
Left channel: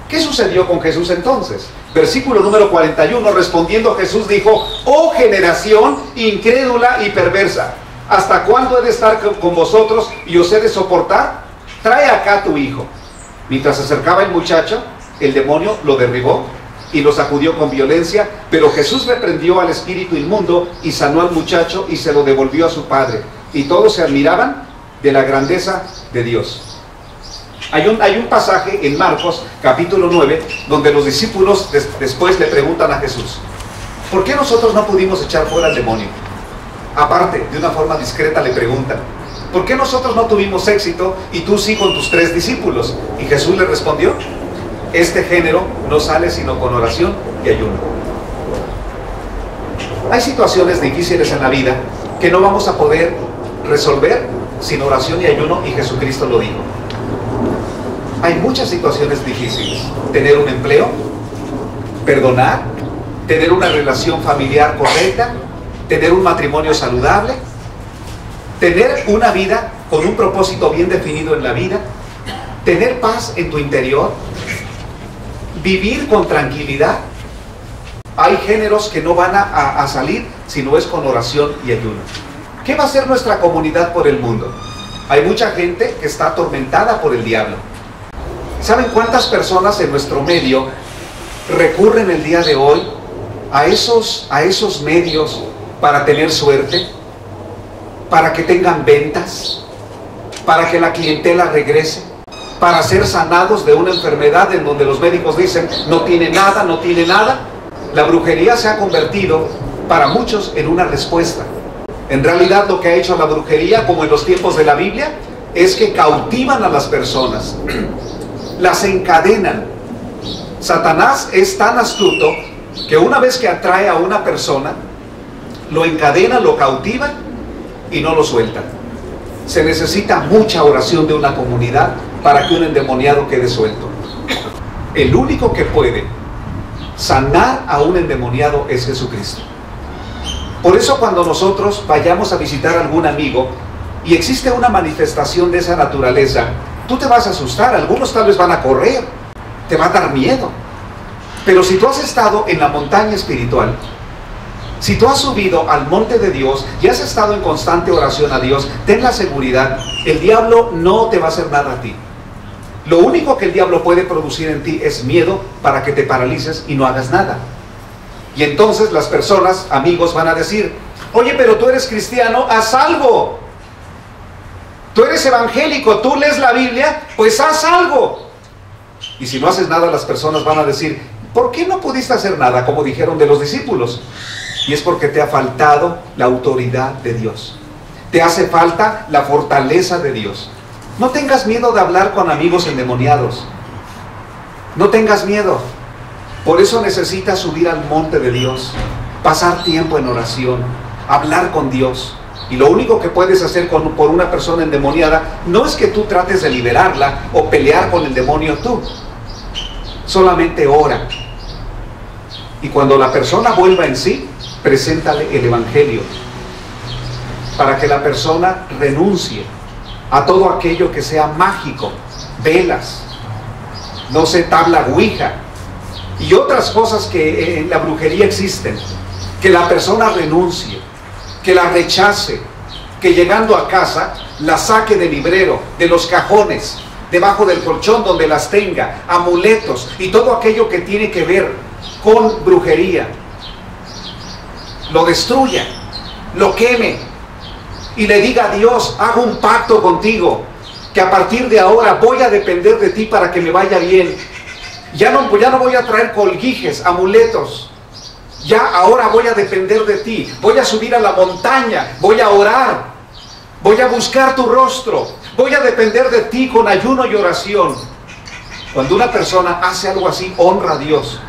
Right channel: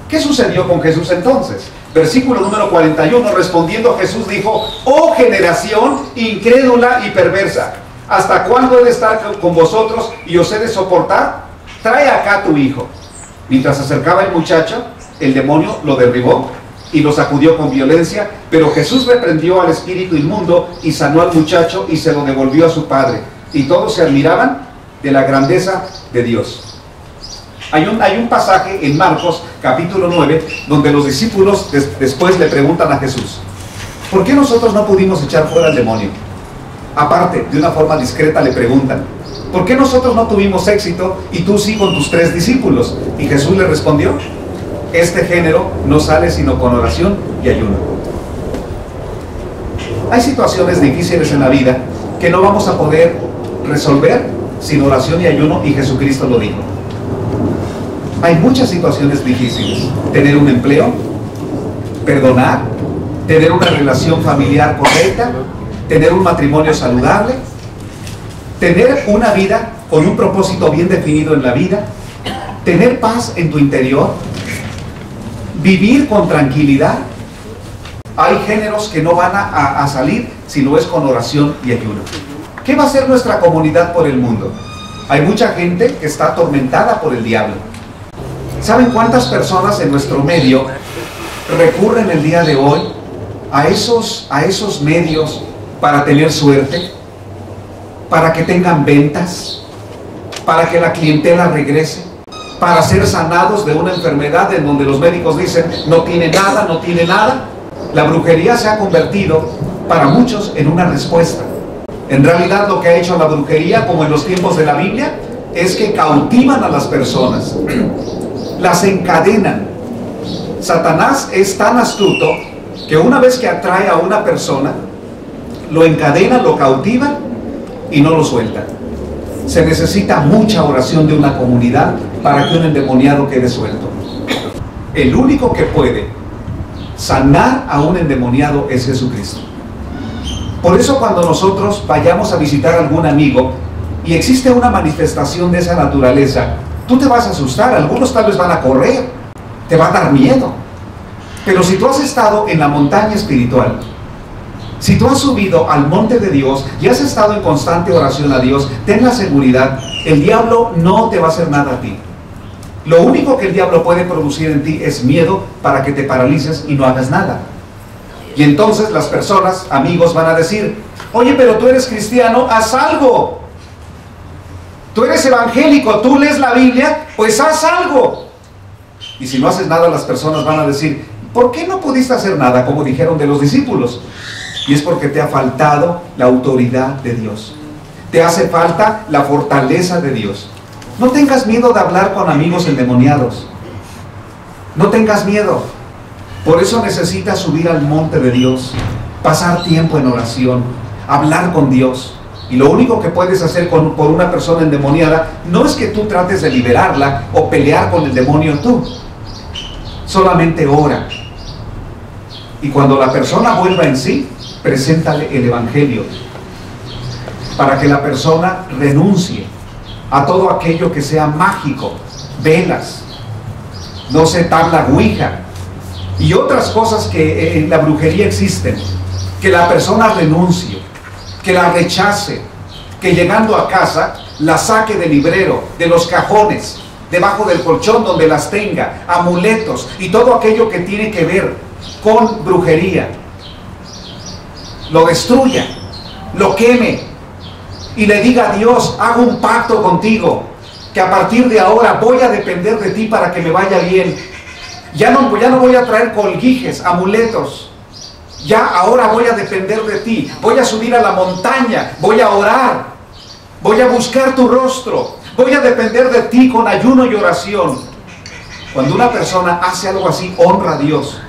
¿Qué sucedió con Jesús entonces? Versículo número 41, respondiendo Jesús dijo, oh generación incrédula y perversa, ¿hasta cuándo he de estar con vosotros y os he de soportar? Trae acá a tu hijo. Mientras se acercaba el muchacho, el demonio lo derribó y lo sacudió con violencia, pero Jesús reprendió al espíritu inmundo y sanó al muchacho y se lo devolvió a su padre. Y todos se admiraban de la grandeza de Dios. Hay un pasaje en Marcos capítulo 9 donde los discípulos después le preguntan a Jesús, ¿por qué nosotros no pudimos echar fuera al demonio? Aparte, de una forma discreta le preguntan, ¿por qué nosotros no tuvimos éxito y tú sí con tus 3 discípulos? Y Jesús le respondió, este género no sale sino con oración y ayuno. Hay situaciones difíciles en la vida que no vamos a poder resolver sin oración y ayuno, y Jesucristo lo dijo. Hay muchas situaciones difíciles. Tener un empleo, perdonar, tener una relación familiar correcta, tener un matrimonio saludable, tener una vida con un propósito bien definido en la vida, tener paz en tu interior, vivir con tranquilidad. Hay géneros que no van a salir si no es con oración y ayuno. ¿Qué va a hacer nuestra comunidad por el mundo? Hay mucha gente que está atormentada por el diablo. ¿Saben cuántas personas en nuestro medio recurren el día de hoy a esos medios para tener suerte? Para que tengan ventas, para que la clientela regrese, para ser sanados de una enfermedad en donde los médicos dicen no tiene nada, no tiene nada. La brujería se ha convertido para muchos en una respuesta. En realidad lo que ha hecho la brujería, como en los tiempos de la Biblia, es que cautivan a las personas, las encadenan. Satanás es tan astuto que una vez que atrae a una persona, lo encadena, lo cautiva y no lo sueltan. Se necesita mucha oración de una comunidad para que un endemoniado quede suelto. El único que puede sanar a un endemoniado es Jesucristo. Por eso cuando nosotros vayamos a visitar a algún amigo y existe una manifestación de esa naturaleza, tú te vas a asustar, algunos tal vez van a correr, te va a dar miedo. Pero si tú has estado en la montaña espiritual, si tú has subido al monte de Dios y has estado en constante oración a Dios, ten la seguridad, el diablo no te va a hacer nada a ti. Lo único que el diablo puede producir en ti es miedo para que te paralices y no hagas nada. Y entonces las personas, amigos, van a decir: oye, pero tú eres cristiano, haz algo. Tú eres evangélico, tú lees la Biblia, pues haz algo. Y si no haces nada, las personas van a decir: ¿por qué no pudiste hacer nada? Como dijeron de los discípulos. Y es porque te ha faltado la autoridad de Dios. Te hace falta la fortaleza de Dios. No tengas miedo de hablar con amigos endemoniados. No tengas miedo. Por eso necesitas subir al monte de Dios, pasar tiempo en oración, hablar con Dios. Y lo único que puedes hacer por una persona endemoniada no es que tú trates de liberarla o pelear con el demonio tú. Solamente ora. Y cuando la persona vuelva en sí, preséntale el Evangelio para que la persona renuncie a todo aquello que sea mágico, velas, no sé, tabla ouija y otras cosas que en la brujería existen. Que la persona renuncie, que la rechace, que llegando a casa la saque del librero, de los cajones, debajo del colchón donde las tenga, amuletos y todo aquello que tiene que ver con brujería, lo destruya, lo queme y le diga a Dios: hago un pacto contigo, que a partir de ahora voy a depender de ti para que me vaya bien. Ya no voy a traer colguijes, amuletos. Ya ahora voy a depender de ti. Voy a subir a la montaña, voy a orar, voy a buscar tu rostro, voy a depender de ti con ayuno y oración. Cuando una persona hace algo así, honra a Dios.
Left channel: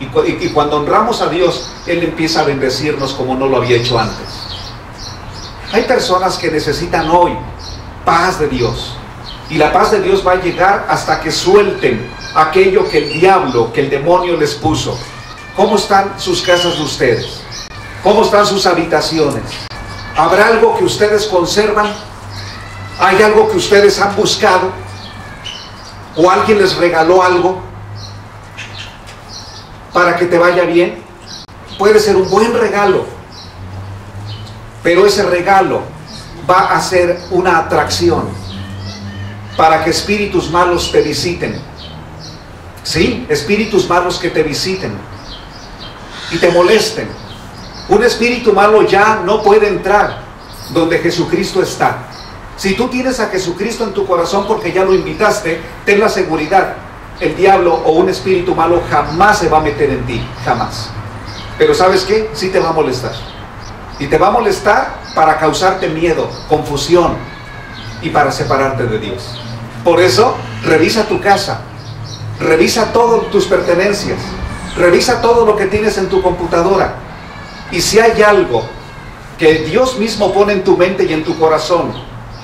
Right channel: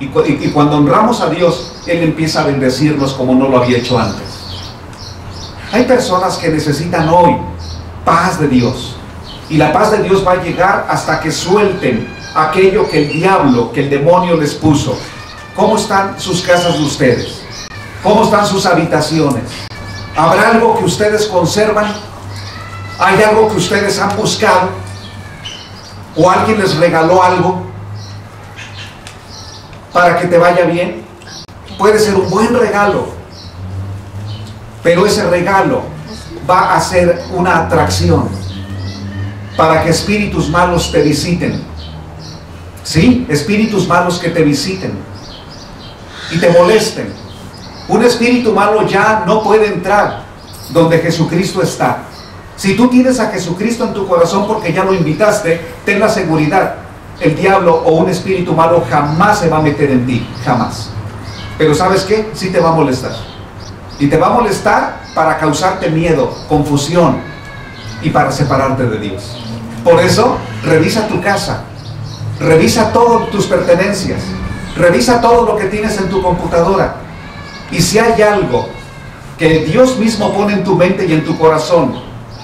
Y cuando honramos a Dios, Él empieza a bendecirnos como no lo había hecho antes. Hay personas que necesitan hoy paz de Dios. Y la paz de Dios va a llegar hasta que suelten aquello que el diablo, que el demonio les puso. ¿Cómo están sus casas de ustedes? ¿Cómo están sus habitaciones? ¿Habrá algo que ustedes conservan? ¿Hay algo que ustedes han buscado? ¿O alguien les regaló algo para que te vaya bien? Puede ser un buen regalo, pero ese regalo va a ser una atracción para que espíritus malos te visiten. Sí, espíritus malos que te visiten y te molesten. Un espíritu malo ya no puede entrar donde Jesucristo está. Si tú tienes a Jesucristo en tu corazón porque ya lo invitaste, ten la seguridad: el diablo o un espíritu malo jamás se va a meter en ti, jamás. Pero ¿sabes qué? Sí te va a molestar. Y te va a molestar para causarte miedo, confusión y para separarte de Dios. Por eso, revisa tu casa, revisa todas tus pertenencias, revisa todo lo que tienes en tu computadora. Y si hay algo que Dios mismo pone en tu mente y en tu corazón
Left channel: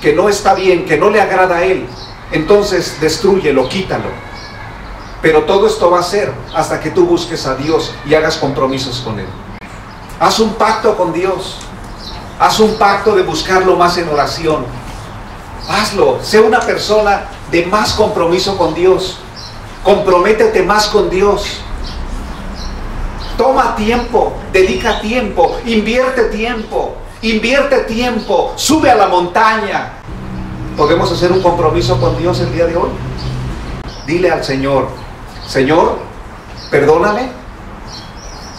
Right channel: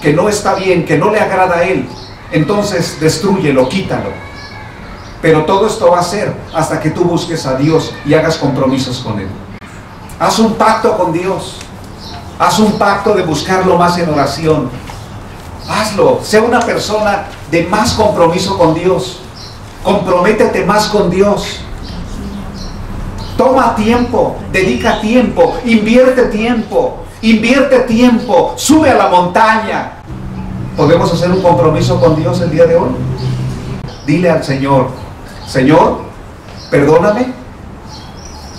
que no está bien, que no le agrada a Él, entonces destrúyelo, quítalo. Pero todo esto va a ser hasta que tú busques a Dios y hagas compromisos con Él. Haz un pacto con Dios. Haz un pacto de buscarlo más en oración. Hazlo. Sea una persona de más compromiso con Dios. Comprométete más con Dios. Toma tiempo, dedica tiempo, invierte tiempo, sube a la montaña. ¿Podemos hacer un compromiso con Dios el día de hoy? Dile al Señor: Señor, perdóname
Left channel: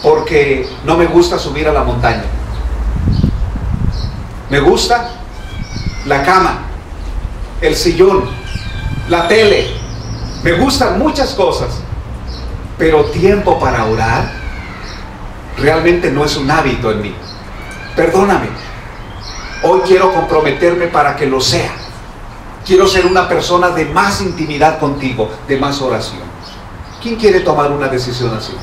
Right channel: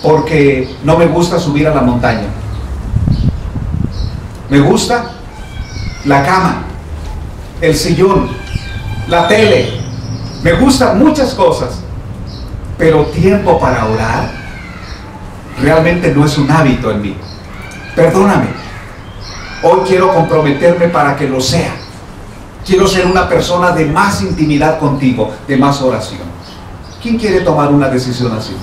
porque no me gusta subir a la montaña. Me gusta la cama, el sillón, la tele. Me gustan muchas cosas, pero tiempo para orar realmente no es un hábito en mí. Perdóname. Hoy quiero comprometerme para que lo sea. Quiero ser una persona de más intimidad contigo, de más oración. ¿Quién quiere tomar una decisión así?